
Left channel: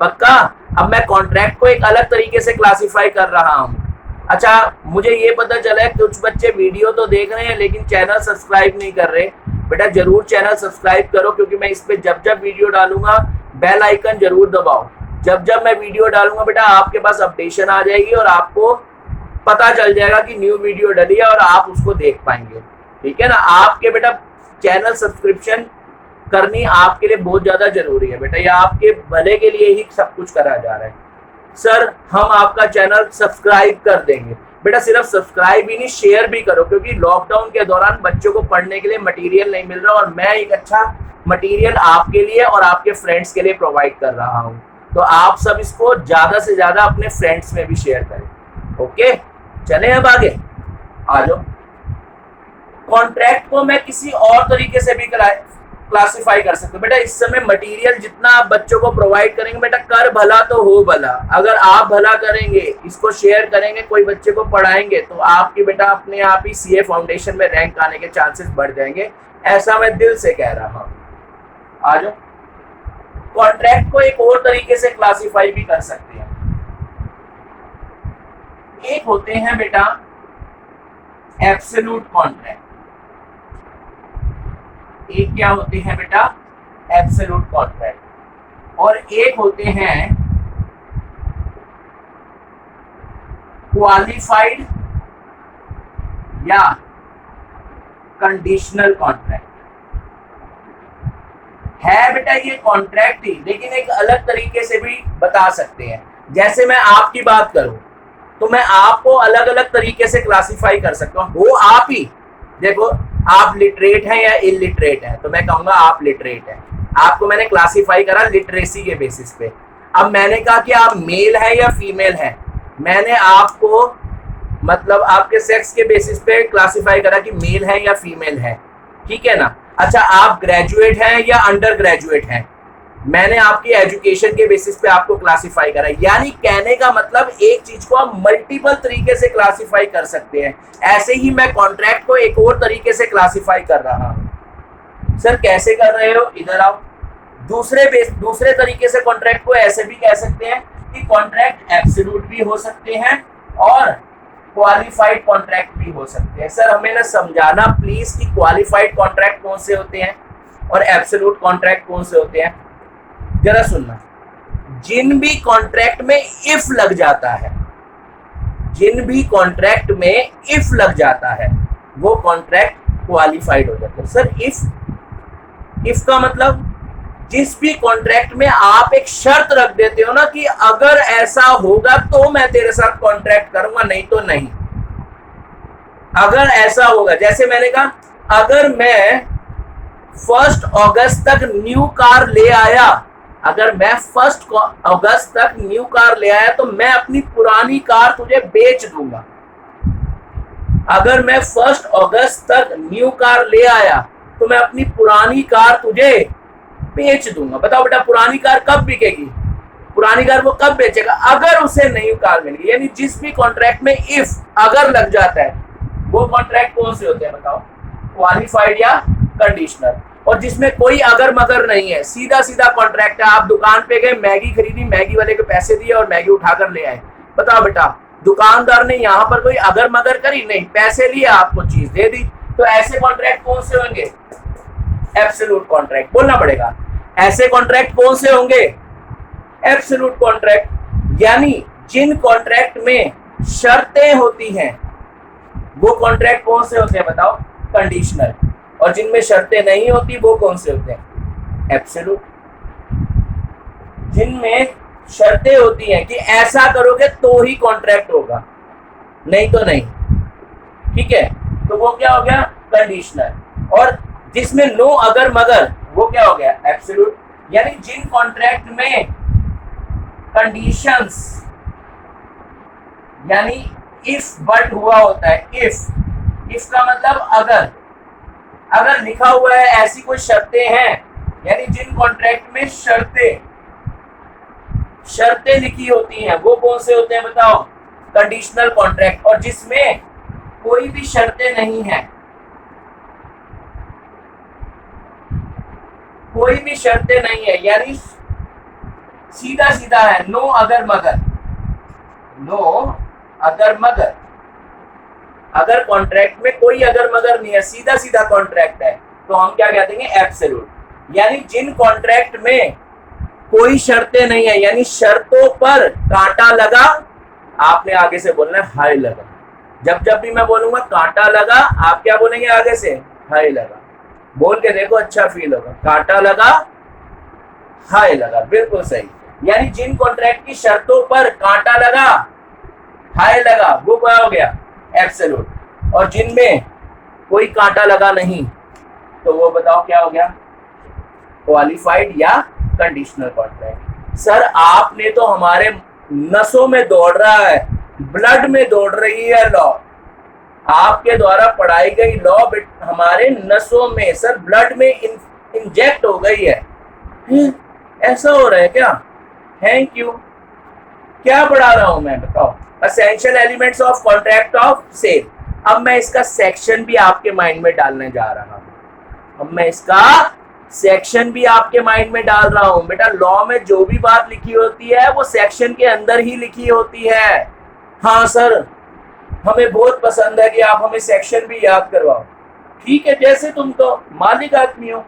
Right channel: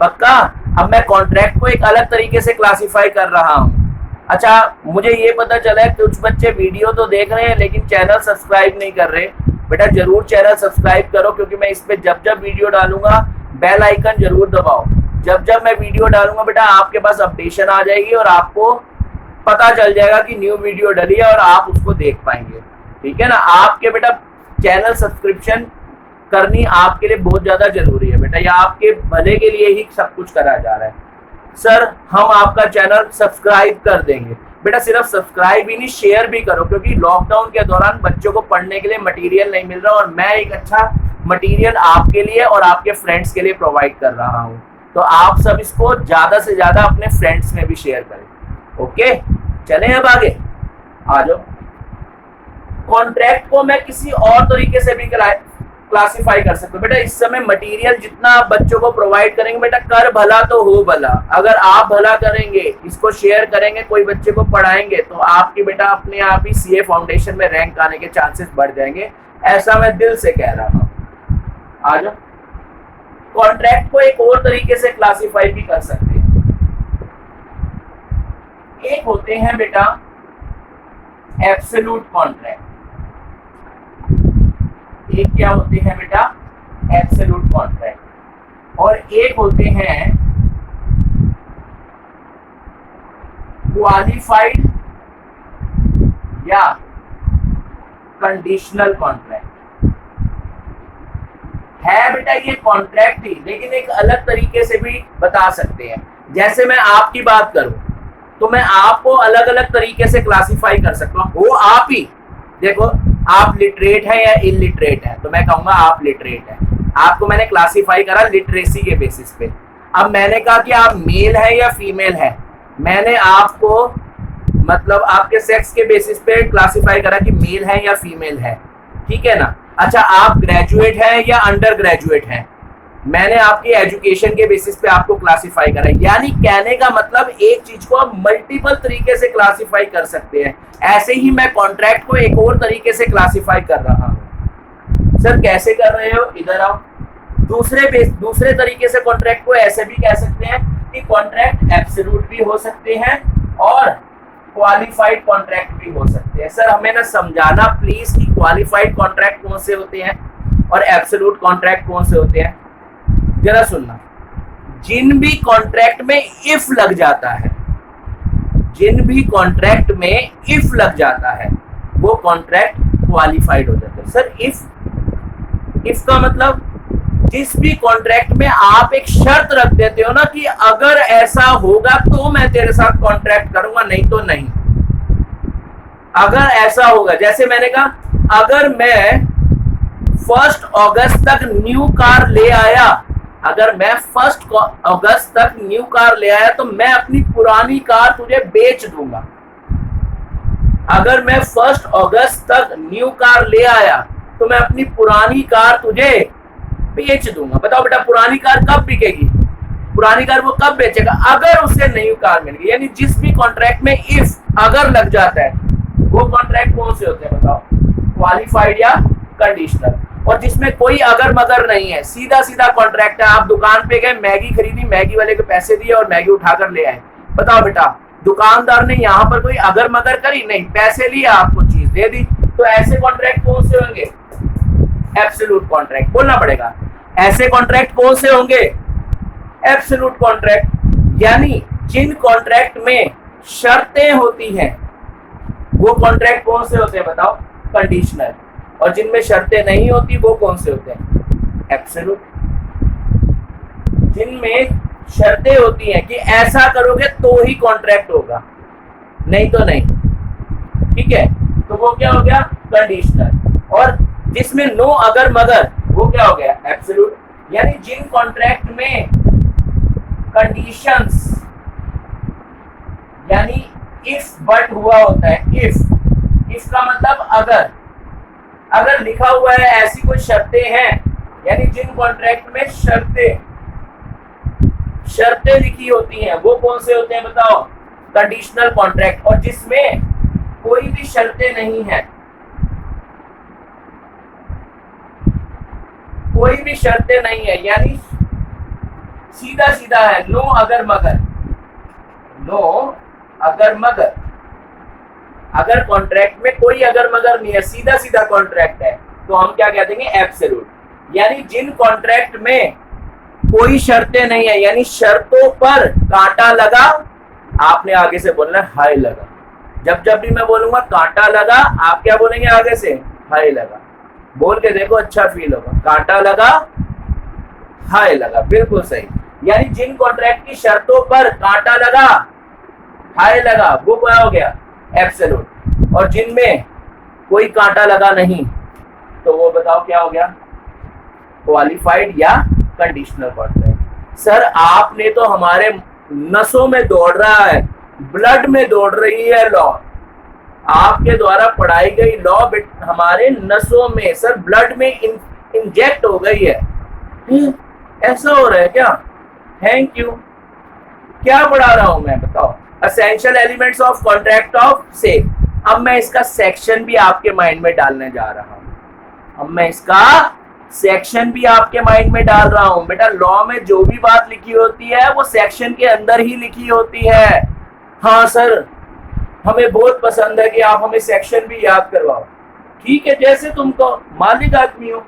पक्का? अब मैं कॉन्ट्रैक्ट को एक अलग तरीके से क्लासिफाई कर रहा हूँ। अच्छा, मुझे ये पता चला है कुछ बच्चे वीडियो तो देख रहे हैं लेकिन चैनल सब्सक्राइब नहीं कर रहे। बेटा जरूर चैनल सब्सक्राइब करो, क्योंकि मैं इस पे जब वीडियो डालूंगा बेल आइकन जरूर दबाओ। जब मैं वीडियो डालूंगा बेटा आपके पास अपडेशन आ जाएगी और आपको पता चल जाएगा कि न्यू वीडियो डली है और आप उसको देख पाएंगे। ठीक है ना? आपके बेटा चैनल सब्सक्रिप्शन करनी आपके लिए बहुत ज्यादा जरूरी है बेटा, या आपके भले के लिए ही सब कुछ करा जा रहा है। सर हम आपका चैनल सब्सक्राइब कर देंगे। बेटा सिर्फ सब्सक्राइब ही नहीं, शेयर भी करो, क्योंकि लॉकडाउन के दौरान बच्चों को पढ़ने के लिए मटेरियल नहीं मिल रहा और मैं एक अच्छा मटेरियल आपके लिए और आपके फ्रेंड्स के लिए प्रोवाइड कर रहा हूँ। तो आप सब इसको ज्यादा से ज्यादा अपने फ्रेंड्स में भी शेयर करें। ओके, चलें अब आगे आ जाओ। कॉन्ट्रैक्ट को मैं किसी और तरीके से भी क्लासिफाई कर सकते हो बेटा। इस समय मटेरियल जितना आप बच्चों को प्रोवाइड करेंगे बेटा, कर भला तो हो भला। अगर आप भला करेंगे, इसको शेयर करेंगे, कोई बच्चे को पढ़ाएंगे, तो आपकी बेटा अपने आप ही सीए फाउंडेशन में रैंक आने के चांसेस बढ़ जाएंगे। ऐसा मैं दिल से कह रहा हूं। आ जाओ। कॉन्ट्रैक्ट को एक और तरीके से क्लासिफाई भी कर सकते हैं। एक होते हैं बेटा एब्सोल्यूट कॉन्ट्रैक्ट। एक क्या होते हैं बेटा, एब्सोल्यूट कॉन्ट्रैक्ट, और एक होते हैं क्वालिफाइड या कंडीशनल कॉन्ट्रैक्ट। है बेटा ये कॉन्ट्रैक्ट ही, लेकिन एक अलग तरीके से भी बता सकते हैं। जैसे मैं आपकी बात करूं तो मैं आपको अलग अलग तरीके से क्लासिफाई कर सकता हूं, वो आप ही देखो, आप लिटरेट हैं या इलिटरेट हैं, तो मैं कहूंगा आप लिटरेट हैं। आपको मैंने क्लासिफाई करा लिटरेसी के बेसिस पे। अब मैंने कहा कि आप मेल है या फीमेल है, मैंने आपको मतलब आपके सेक्स के बेसिस पे क्लासिफाई करा कि मेल है या फीमेल है, ठीक है ना। अच्छा, आप ग्रेजुएट हैं या अंडर ग्रेजुएट हैं, मैंने आपकी एजुकेशन के बेसिस पे आपको क्लासिफाई करा। यानी कहने का मतलब एक चीज को आप मल्टीपल तरीके से क्लासिफाई कर सकते हैं। ऐसे ही मैं कॉन्ट्रैक्ट को एक और तरीके से क्लासिफाई कर रहा हूं। सर कैसे कर रहे हो, इधर आओ। दूसरे तरीके से कॉन्ट्रैक्ट को ऐसे भी कह सकते हैं कि कॉन्ट्रैक्ट एब्सोल्यूट भी हो सकते हैं और क्वालिफाइड कॉन्ट्रैक्ट भी हो सकते हैं। सर हमें ना समझाना प्लीज कि क्वालिफाइड कॉन्ट्रैक्ट कौन से होते हैं और एब्सोल्यूट कॉन्ट्रैक्ट कौन से होते हैं। जरा सुनना, जिन भी कॉन्ट्रैक्ट में इफ लग जाता है, जिन भी कॉन्ट्रैक्ट में इफ लग जाता है वो कॉन्ट्रैक्ट क्वालिफाइड हो जाता है। सर इफ का मतलब जिस भी कॉन्ट्रैक्ट में आप एक शर्त रख देते हो ना कि अगर ऐसा होगा तो मैं तेरे साथ कॉन्ट्रैक्ट करूंगा, नहीं तो नहीं। अगर ऐसा होगा, जैसे मैंने कहा अगर मैं 1 अगस्त तक न्यू कार ले आया, अगर मैं 1 अगस्त तक न्यू कार ले आया तो मैं अपनी पुरानी कार तुझे बेच दूंगा। अगर मैं 1 अगस्त तक न्यू कार ले आया तो मैं अपनी पुरानी कार तुझे बेच दूंगा। बताओ बेटा पुरानी कार कब बिकेगी, पुरानी कार वो कब बेचेगा, अगर उसे नई कार मिलेगी। यानी जिस भी कॉन्ट्रैक्ट में इफ अगर लग जाता है वो कॉन्ट्रैक्ट कौन से होते हैं बताओ, क्वालिफाइड या कंडीशनल। और जिसमें कोई अगर मगर नहीं है, सीधा सीधा कॉन्ट्रैक्ट है। आप दुकान पे गए, मैगी खरीदी, मैगी वाले को पैसे दिए और मैगी उठाकर ले आए। बताओ बेटा दुकानदार ने यहाँ पर कोई अगर मगर करी नहीं, पैसे लिए आपको चीज दे दी। तो ऐसे कॉन्ट्रैक्ट कौन से होंगे, एब्सोल्यूट कॉन्ट्रैक्ट। बोलना पड़ेगा, ऐसे कॉन्ट्रैक्ट कौन से होंगे, एब्सोल्यूट कॉन्ट्रैक्ट। यानी जिन कॉन्ट्रैक्ट में शर्तें होती हैं वो कॉन्ट्रैक्ट कौन से होते हैं बताओ, कंडीशनल। और जिनमें शर्तें नहीं होती वो कौन से होते हैं, एब्सोल्यूट। जिनमें शर्तें होती हैं कि ऐसा करोगे तो ही कॉन्ट्रैक्ट होगा, नहीं तो नहीं, ठीक है, तो वो क्या हो गया, कंडीशनल। और जिसमें नो अगर मगर वो क्या हो गया, एब्सोल्यूट। यानी जिन कॉन्ट्रैक्ट में कंडीशंस यानी इफ बट हुआ होता है, इफ का मतलब अगर लिखा हुआ है, ऐसी कोई शर्तें हैं, यानी जिन कॉन्ट्रैक्ट में शर्तें लिखी होती हैं वो कौन से होते हैं बताओ, कंडीशनल कॉन्ट्रैक्ट। और जिसमें कोई भी शर्तें नहीं है, कोई भी शर्तें नहीं है, यानी सीधा सीधा है, नो अगर मगर, नो अगर मगर। अगर कॉन्ट्रैक्ट में कोई अगर मगर नहीं है, सीधा सीधा कॉन्ट्रैक्ट है, तो हम क्या कह देंगे, एब्सोल्यूट। यानी जिन कॉन्ट्रैक्ट में कोई शर्तें नहीं है, यानी शर्तों पर कांटा लगा, आपने आगे से बोलना है हाय लगा। जब भी मैं बोलूंगा कांटा लगा, आप क्या बोलेंगे आगे से, हाय लगा। बोल के देखो, अच्छा फील होगा, कांटा लगा हाय लगा, बिल्कुल सही। यानी जिन कॉन्ट्रैक्ट की शर्तों पर कांटा लगा, हाय लगा, वो क्या हो गया, एब्सोल्यूट। और जिनमें कोई कांटा लगा नहीं, तो वो बताओ क्या हो गया, क्वालिफाइड या कंडीशनल कॉन्ट्रैक्ट। सर आपने तो हमारे नसों में दौड़ रहा है, ब्लड में दौड़ रही है लॉ, आपके द्वारा पढ़ाई गई लॉ हमारे नसों में, सर ब्लड में इंजेक्ट हो गई है। ऐसा हो रहा है क्या, थैंक यू। क्या पढ़ा रहा हूं मैं बताओ, essential elements of contract of sale. अब मैं इसका सेक्शन भी आपके माइंड में डालने जा रहा हूं, अब मैं इसका सेक्शन भी आपके माइंड में डाल रहा हूं। बेटा लॉ में जो भी बात लिखी होती है वो सेक्शन के अंदर ही लिखी होती है। हाँ सर, हमें बहुत पसंद है कि आप हमें सेक्शन भी याद करवाओ, ठीक है, जैसे तुमको मालिक आदमी हो।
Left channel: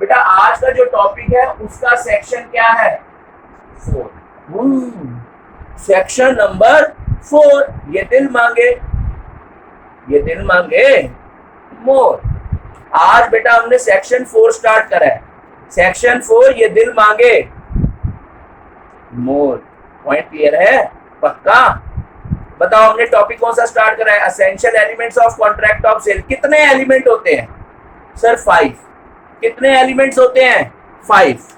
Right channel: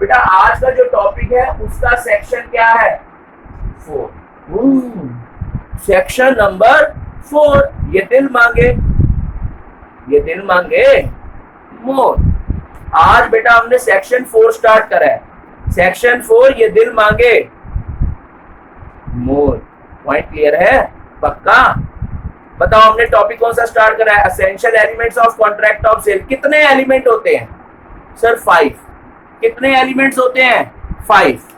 बेटा आज का जो टॉपिक है उसका सेक्शन क्या है? 4। सेक्शन नंबर 4, ये दिल मांगे, ये दिल मांगे मोर। आज बेटा हमने सेक्शन 4 स्टार्ट करा है। सेक्शन 4 ये दिल मांगे मोर। पॉइंट क्लियर है? पक्का? बताओ हमने टॉपिक कौन सा स्टार्ट करा है? Essential elements of contract of sale. कितने एलिमेंट होते हैं सर? 5। कितने एलिमेंट्स होते हैं? 5,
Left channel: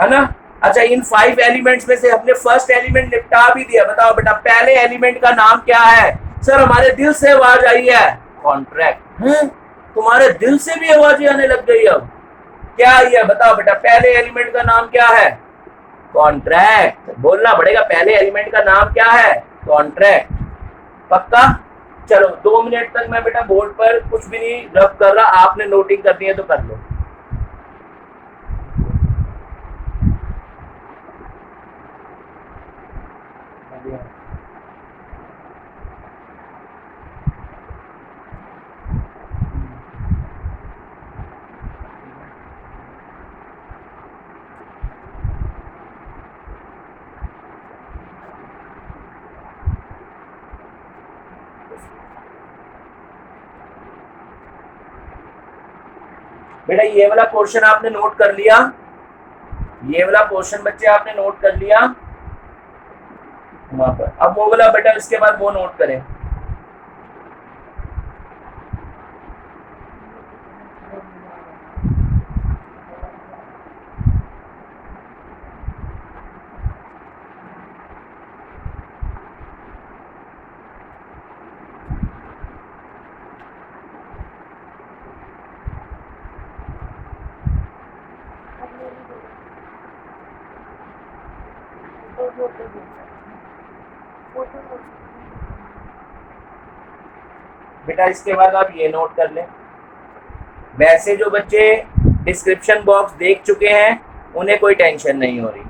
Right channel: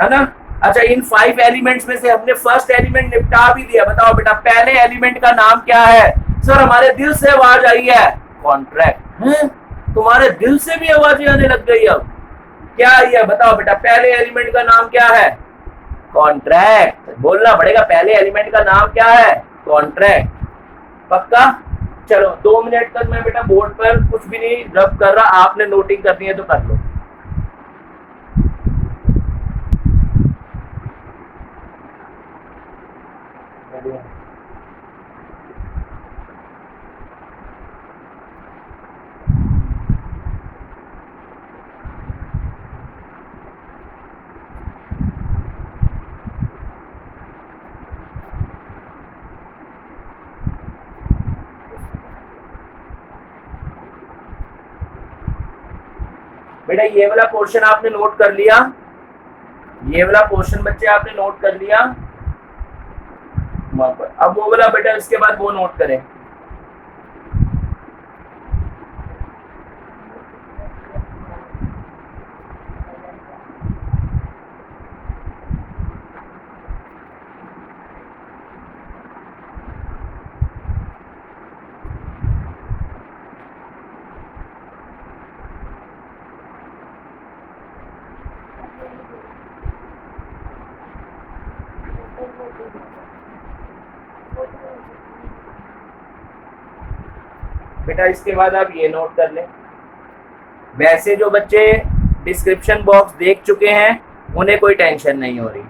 है ना? अच्छा, इन 5 एलिमेंट्स में से हमने फर्स्ट एलिमेंट निपटा भी दिया। बताओ बेटा पहले एलिमेंट का नाम क्या है? सर हमारे दिल से आवाज आई है कॉन्ट्रैक्ट। है तुम्हारे दिल से भी आवाजें आने लग गई। अब क्या आई है? बताओ बेटा पहले एलिमेंट का नाम क्या है? कॉन्ट्रैक्ट। बोलना पड़ेगा, पहले एलिमेंट का नाम क्या है? कॉन्ट्रैक्ट। पक्का? चलो 2 मिनट तक मैं बेटा बोर्ड पर कुछ भी नहीं रब कर रहा, आपने नोटिंग करनी है तो कर लो। बेटा ये वाला पोर्शन आपने नोट कर लिया? ये वाला पोर्शन बच्चे आपने नोट कर लिया वहां पर। अब वो वाला बेटा इसके बाद वो नोट करें। बेटा इसके बाद आप ये नोट कर लें। वैसे जो बच्चे डिस्क्रिप्शन बॉक्स देख चुके हैं उन्हें कोई टेंशन नहीं हो रही।